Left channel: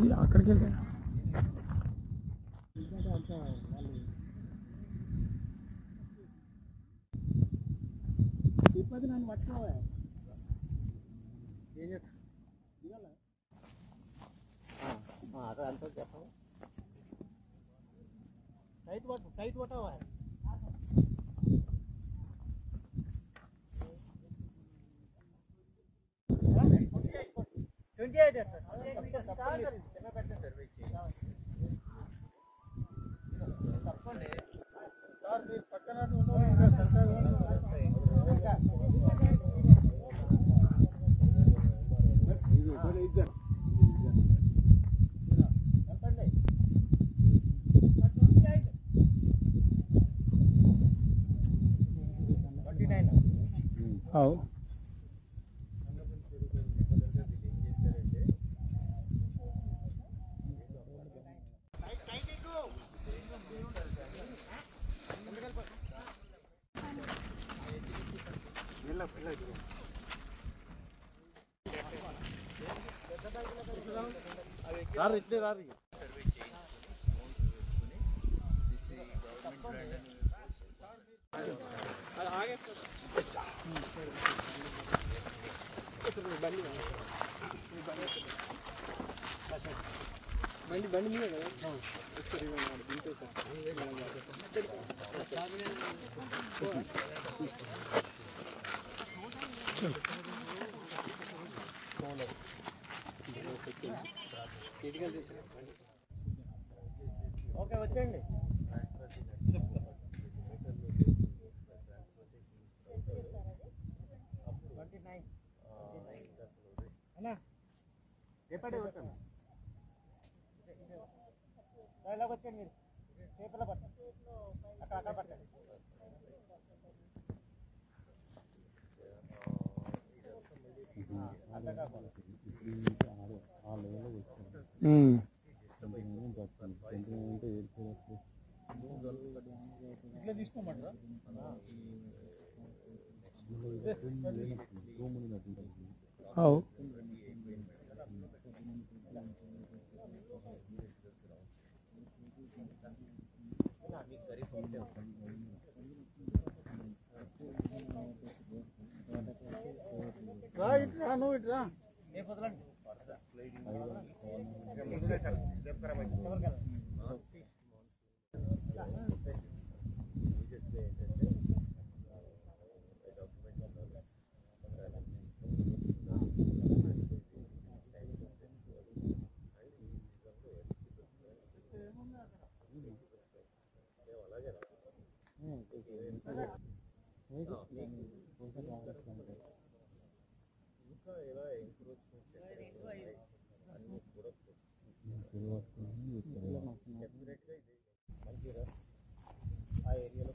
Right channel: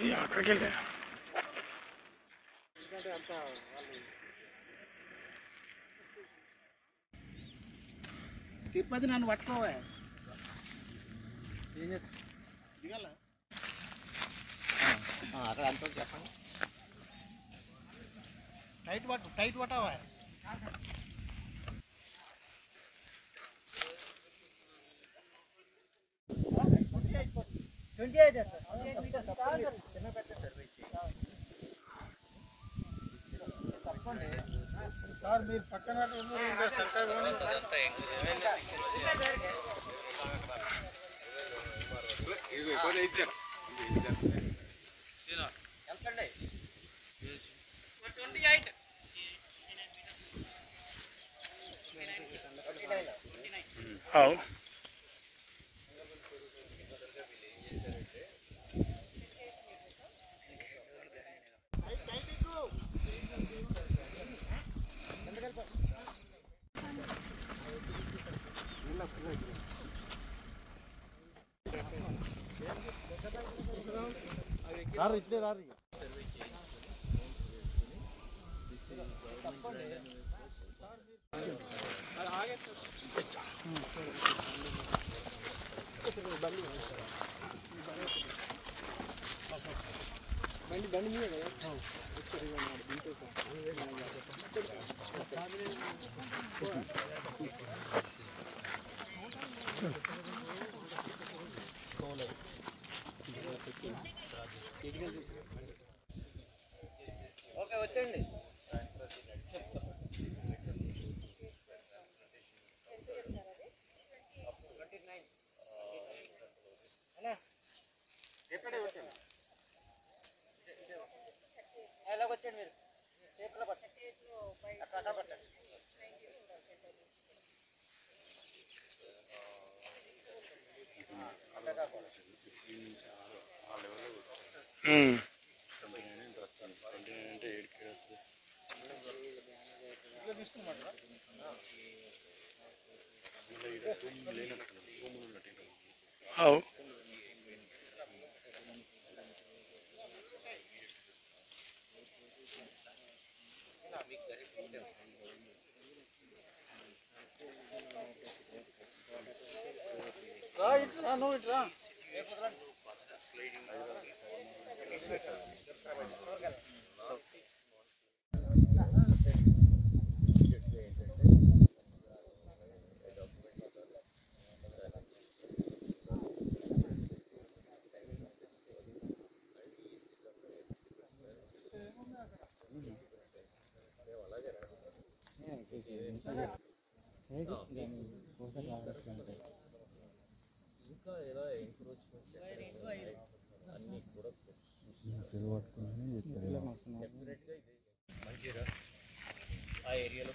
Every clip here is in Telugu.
అక్కడికి వెళ్ళా అంత వాళ్ళు తిరుపతి నన్ను పట్టుకోవా ఏం చేస్తా దిగాల అక్కడ అంత చెప్పండి టైట్ పట్టావా సార్ మీరు పక్కన అవును రారు ఇట్లే రారు బండి బండి మీద కదా ఓకే వచ్చేయండి అన్నా ఎప్పటి వచ్చండి ఎలాగ వచ్చండి మీరు చేపల పట్టండి అక్కడ పట్టండి ఆ లెవెల్లో వచ్చాను 29 అంటే వచ్చాను 29 అంటే 7 వస్తుంది ఇట్లా తీసుకోమంటారా ఇలా తూము లేనట్టు తూములు నట్టు అవు ఇట్రా నువ్వు ఇట్రా ఇంకా ఎలా ఎంక్రోచ్మెంట్స్ అన్నీ కూడా డెఫినెట్గా ఇది మంచిగా ఆ ఏరియాలో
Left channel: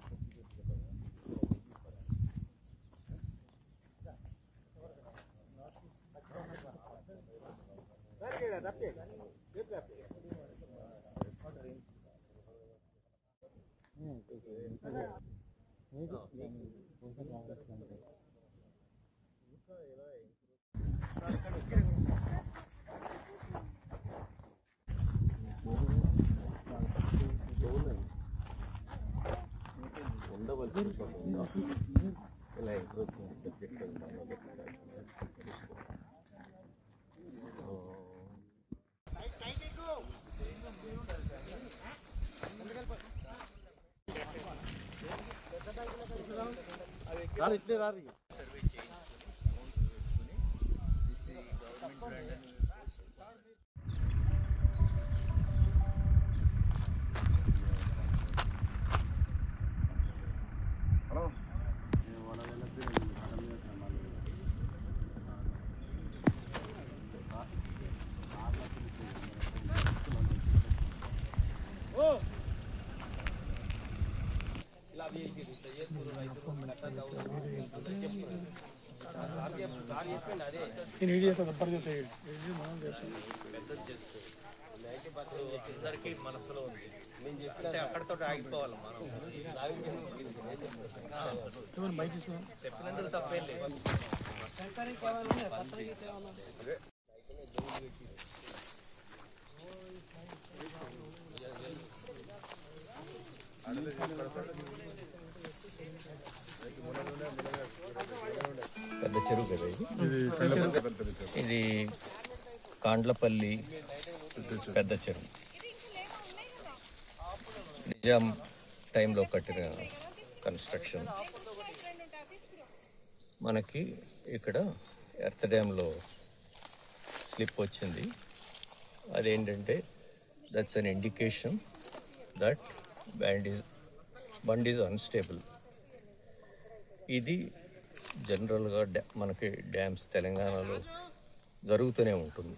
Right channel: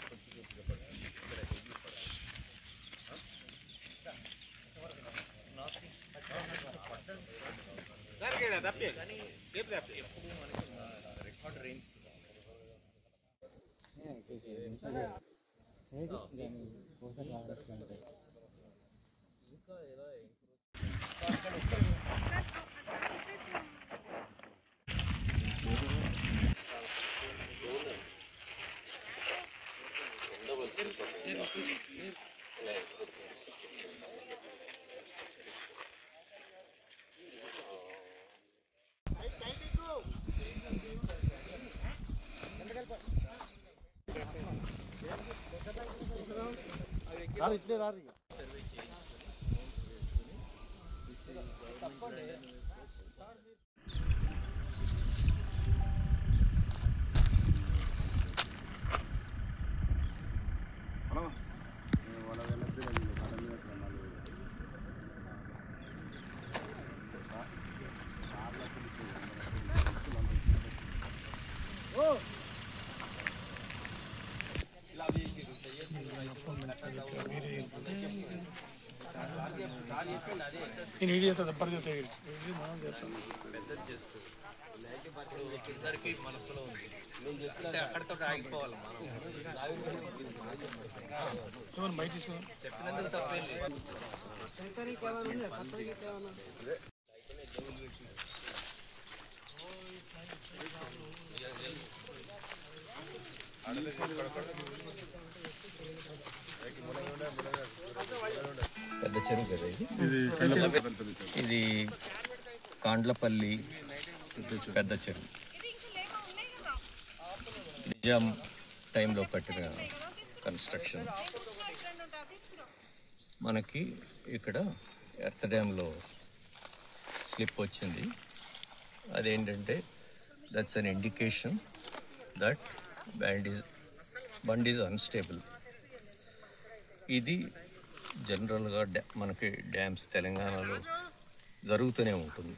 కానీ ఎప్పుడు మనకి రికార్డ్ రేంజ్ ఇంకా ఎలా ఇట్లే రారు సర్వే చేయించుకొని గవర్నమెంట్ నేను వీడియో చేస్తాను పరిగెత్తే అందరికీ మనసులో ఉంది నేను చెప్తే అక్కడితో ఆగిపోవాలి మనం బయట తీసుకుని చెప్పినందుకు తప్పేం లేదు పెద్ద చెరువు కదా ఇది కాండ్లపల్లి పెద్ద చెరువు. నిజాం టైంలో కట్టిన కన్స్ట్రక్షన్. మనకి ఇక్కడ ఎర్త్ డ్యాంలో స్లిప్ వచ్చింది. అదేంటంటే that's an indication that bund is unstable. ఇది జనరల్గా మనకి డ్యామ్స్ తెలంగాణలో జరుగుతూనే ఉంటుంది.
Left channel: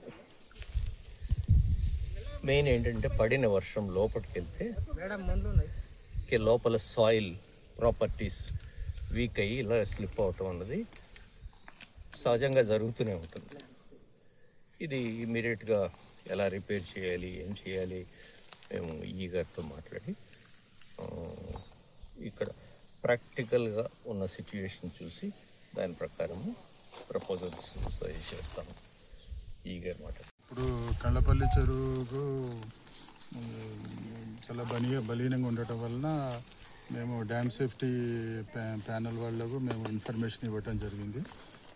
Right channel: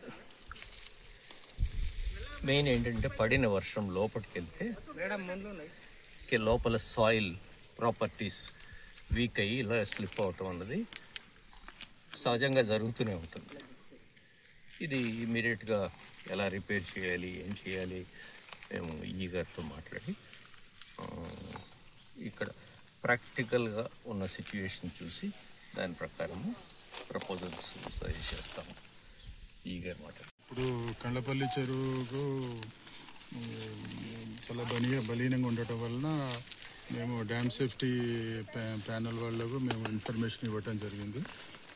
మెయిన్ ఏంటంటే పడిన వర్షం లోపలికి వెళ్తే లోపల సాయిల్ ప్రాపర్టీస్ వీక్ అయ్యి ఇలా స్లిప్ అవటం అన్నది సహజంగా జరుగుతూనే ఉంటుంది. ఇది ఇమీడియట్గా ఎలా రిపేర్ చేయాలి, ఏం చేయాలి, మేము ఈగారితో మాట్లాడి ఇక్కడ ప్రాక్టికల్గా ఉన్న సిచ్యువేషన్ చూసి దాని ప్రకారము ప్రపోజల్స్ సజెస్ట్ చేస్తాము. ఈగారు మాట్లాడు. ఇప్పుడు కండ్లపల్లి చెరువుకు చాలా బలీనంగా ఉండటం వలన మేము డ్యామ్ సేఫ్టీ ప్యానల్ వాళ్ళకు మేము ఇన్ఫర్మేషన్ ఇవ్వటం జరిగింది.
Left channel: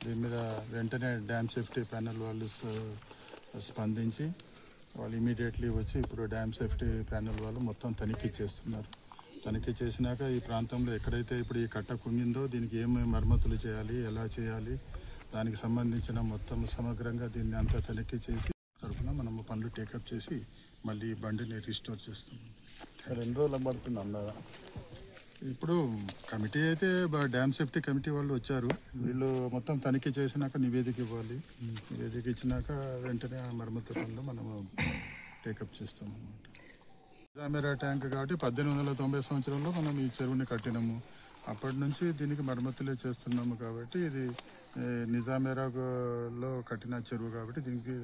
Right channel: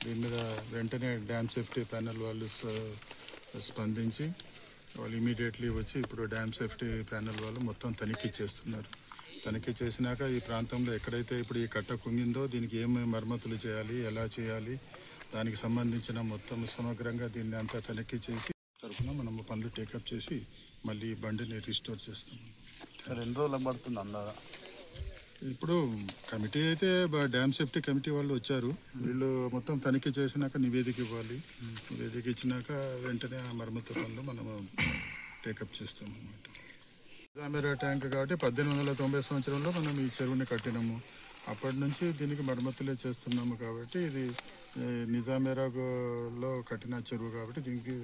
దీని మీద వెంటనే డ్యామ్ సేఫ్టీ ప్యానల్ వాళ్ళు స్పందించి వాళ్ళు ఇమీడియట్లీ వచ్చి ఇప్పుడు డ్యామ్ సేఫ్టీ ప్యానల్ వాళ్ళు మొత్తం తనిఖీ చేస్తున్నారు. తనిఖీ చేసినాక ఈ ప్రాంతంలో ఎక్కడైతే ఇప్పుడు ఈ కట్ట కుంగిందో దీనికి ఏమేమి మరమ్మతులు చేయాలి, ఎలా చేయాలి, దానికి సంబంధించిన మొత్తం సమగ్రంగా దీన్ని అంతా తనిఖీ చేసి తరఫున మనము పనులు టేకప్ చేసి మళ్ళీ బండిని రిస్టోర్ చేస్తాం. ఎన్ని రోజులు పడుతుంది అందాదా? ఇప్పుడు కమిటీ అయితే డ్యామ్ సేఫ్టీ కమిటీ వాళ్ళు వచ్చారు. వీళ్ళు మొత్తం తనిఖీ చేసినాక నివేదిక ఇవ్వాలి. నివేదిక ఇచ్చినాక వెంటనే ఆ మరమ్మతు పనులు మనము టేకప్ చేస్తాం అన్నమాట. నిజామేరా ట్యాంక్ కాబట్టి 1890 సంవత్సరంలో మనం ఈ చెరువుని కట్టినాము. అప్పటి నుంచి దీనికి మరమ్మతులే చేస్తున్నాము. కాబట్టి ఇది నిజామేరాలో కట్టిన చెరువు కాబట్టి దీనికి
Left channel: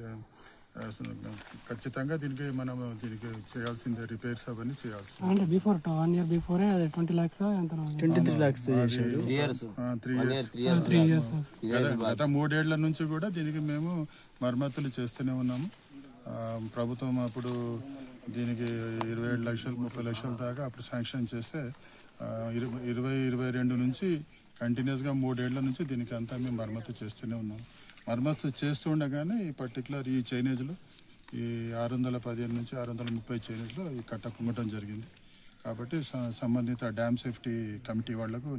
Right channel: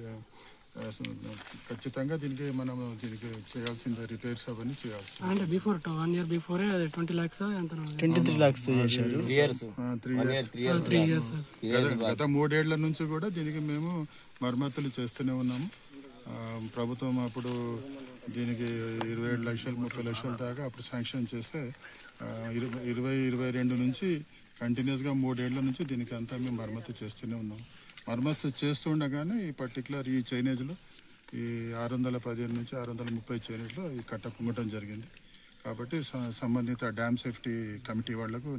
ఖచ్చితంగా మనం దీనికి చేయాల్సిందే రిపేర్స్ అవన్నీ చేయాల్సి. అంటే before 1 year before 20 lakhs 23 lakhs చేశారు. 3 years గత 3 ఏళ్ల నుంచి కూడా దీనికి మేము మరమ్మతులు చేస్తూనే ఉన్నాము. ప్రభుత్వం అప్పుడు దీనికి 27 లక్షలు 30 లక్షల దాకా అప్పుడు శాంక్షన్ చేస్తే 2022 నుంచి కంటిన్యూస్గా 3 ఏళ్ల నుంచి దీనికి అంతా మేము మరమ్మతు చేస్తూనే ఉన్నాం. మరమ్మతు చేస్తూ ఉండగానే ఈ పర్టికులర్ ఈ చైనేజ్లో ఈ 615 నుంచి 630 చైనేజ్లో ఈ కట్ట కుంగటం జరిగింది. కాబట్టి సంబంధిత డ్యామ్ సేఫ్టీ కమిటీ వాళ్ళకు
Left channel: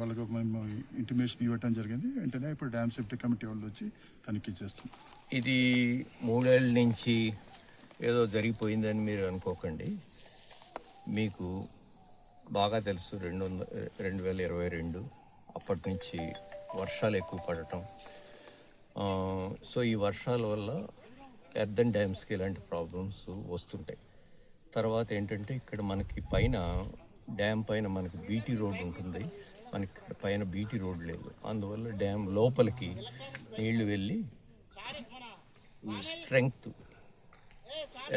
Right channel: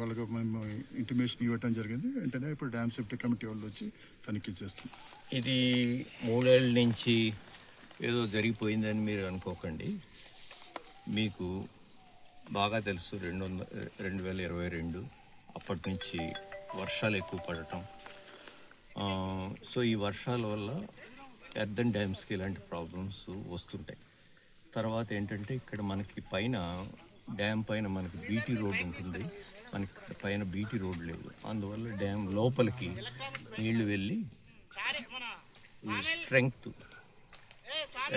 వాళ్ళకు మేము ఇంటిమేషన్ ఇవ్వటం జరిగింది. వెంటనే ఇప్పుడు డ్యామ్ సేఫ్టీ కమిటీ వాళ్ళు వచ్చి తనిఖీ చేస్తున్నాం. ఇది 3 ఏళ్ళ నుంచి ఏదో జరిగిపోయిందని మీరు అనుకోకండి. మీకు బాగా తెలుసు 2022 అప్పటి నుంచి వర్షాలు ఎక్కువ పడటం. సో ఈ వర్షాల వల్ల ఎర్దన్ డ్యామ్స్కి ఇలాంటి ప్రాబ్లమ్స్ వస్తుంటాయి. తర్వాత ఏంటంటే ఇక్కడ మనకి పైన డ్యామ్ పైన మనకి బీటీ రోడ్ ఉంటుంది. మనకి పైన బీటీ రోడ్ లేదు. అందువల్ల డ్యామ్ లోపలికి నీళ్లు వెళ్ళి స్ట్రెంగ్త్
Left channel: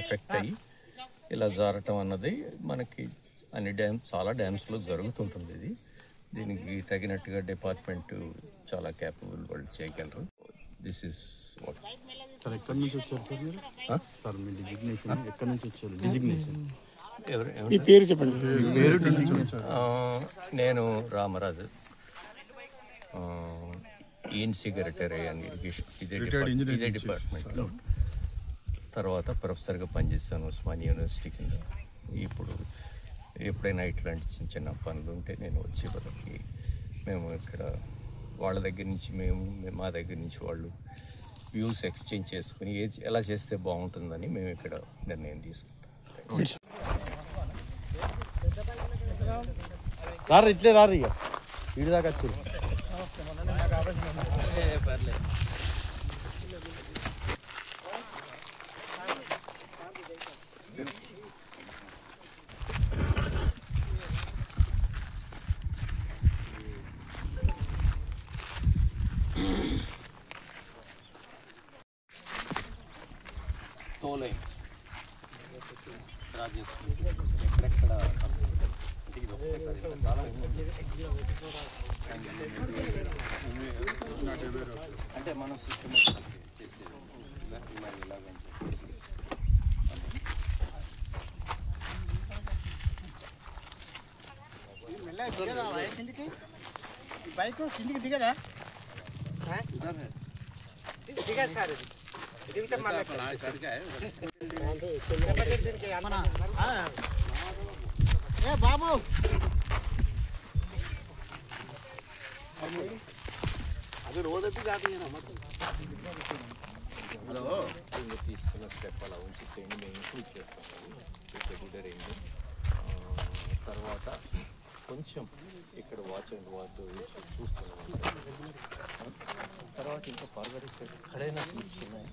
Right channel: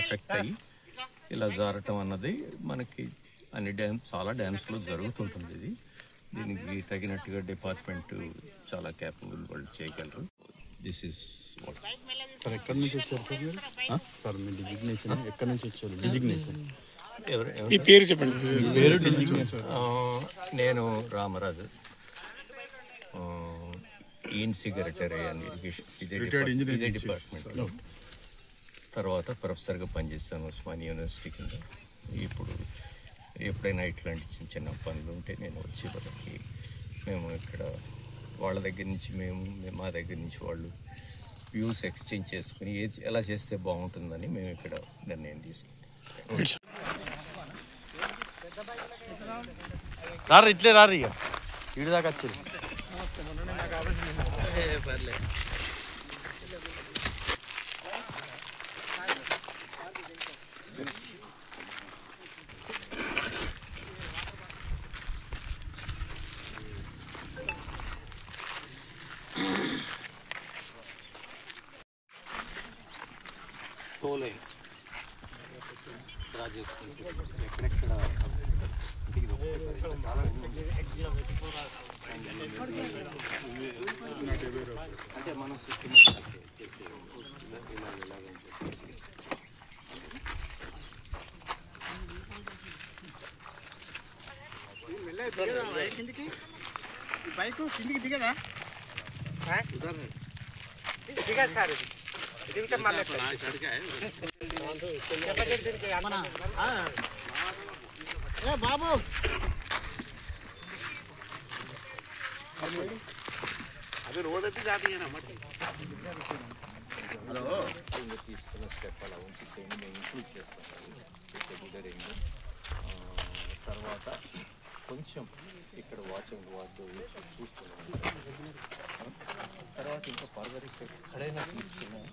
ఎఫెక్ట్ అయ్యి ఇలా జారటం అన్నది మనకి చాలా డ్యామ్స్లో జరుగుతుంటుంది. ఇది దీనికి తగినట్టుగా డిపార్ట్మెంట్ చాలా క్యాపబుల్ వాళ్ళు చేయగలరు. This is what. సార్ ఎక్కడి నుంచి వచ్చారు సార్ మీరు? సార్ మీ డిజిగ్నేషన్ ఎక్కడి నుంచి వచ్చారు? డిజిగ్నేషన్ ఈ పేరు చెప్పండి. పేరు డిజిగ్నేషన్. నేను రామరాజు, సెక్రటరీ అండ్ ఇరిగేషన్ ఇదే డిపార్ట్మెంట్లో. తర్వాత ప్రొఫెసర్గా పనిచేస్తాను ఉస్మానియా యూనివర్సిటీ కింద. ఇప్పుడు ఎప్పుడైనా ఇట్లాంటి చిన్న చిన్న పనులు ఉంటే నేను వచ్చి వాళ్ళకి మేము ఇక్కడ వాళ్ళ దగ్గర నుంచి మా దగ్గర నుంచి వాళ్ళు వ్యూస్ ఎక్స్చేంజ్ చేసుకుని ఎలా చేస్తే బాగుంటుందని మేము ఇక్కడ నిర్ణయం తీసుకుంటాం. రారు ఇట్లే రారు ఇక ఇటు దాకా వచ్చారు. ఎక్కడెక్కడ చాలా అంటే మనం సిస్టమ్ కిందికి బైక్ కిందికి దిగదా దిగదు సార్ ఇది దిగితే మళ్ళీ ఏ బాబు అది రోడ్ అయితే జాతీయ తీసుకున్న స్టెప్ అలా ఉంచి సేమ్ మేము ఇంక్లూడ్ చేస్తాం రింగ్ తర్వాత కొంచెం ఇక్కడ వాచ్ అండ్ వార్డు చూస్తున్నాం తర్వాత ఇంకా ఫర్దర్ ఎక్కడైనా స్లిప్స్ ఉన్నాయి